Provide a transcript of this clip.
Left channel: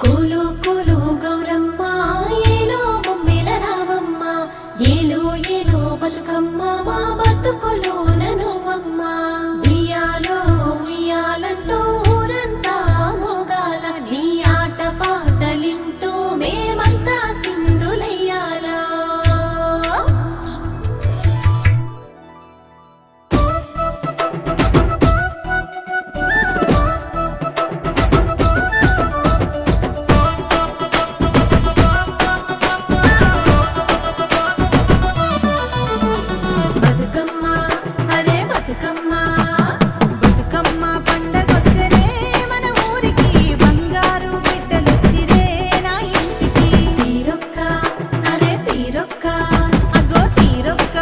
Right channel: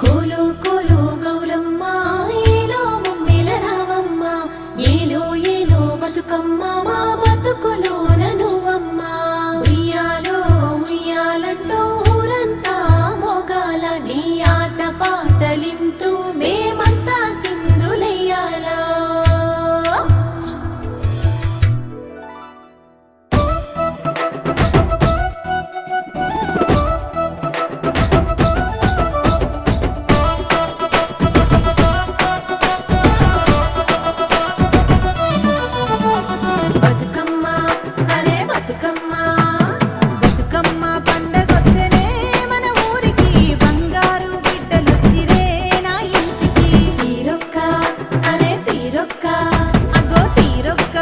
కోలు కోలు గౌరమ్మ ఏలో మమ్మెల రావమ్మ ఏలో ఏలో బతుకమ్మ మా బతుకులో ననువమ్మ ఉయ్యాలో ఉయ్యాలంటూ బతుకమ్మ బతుకమ్మ పండగొచ్చనే మన ఊరికి. బంగారు బిడ్డలొచ్చిరే నా ఇంటికి. తీరొక్క అదే తీరొక్క అగో తీరొక్క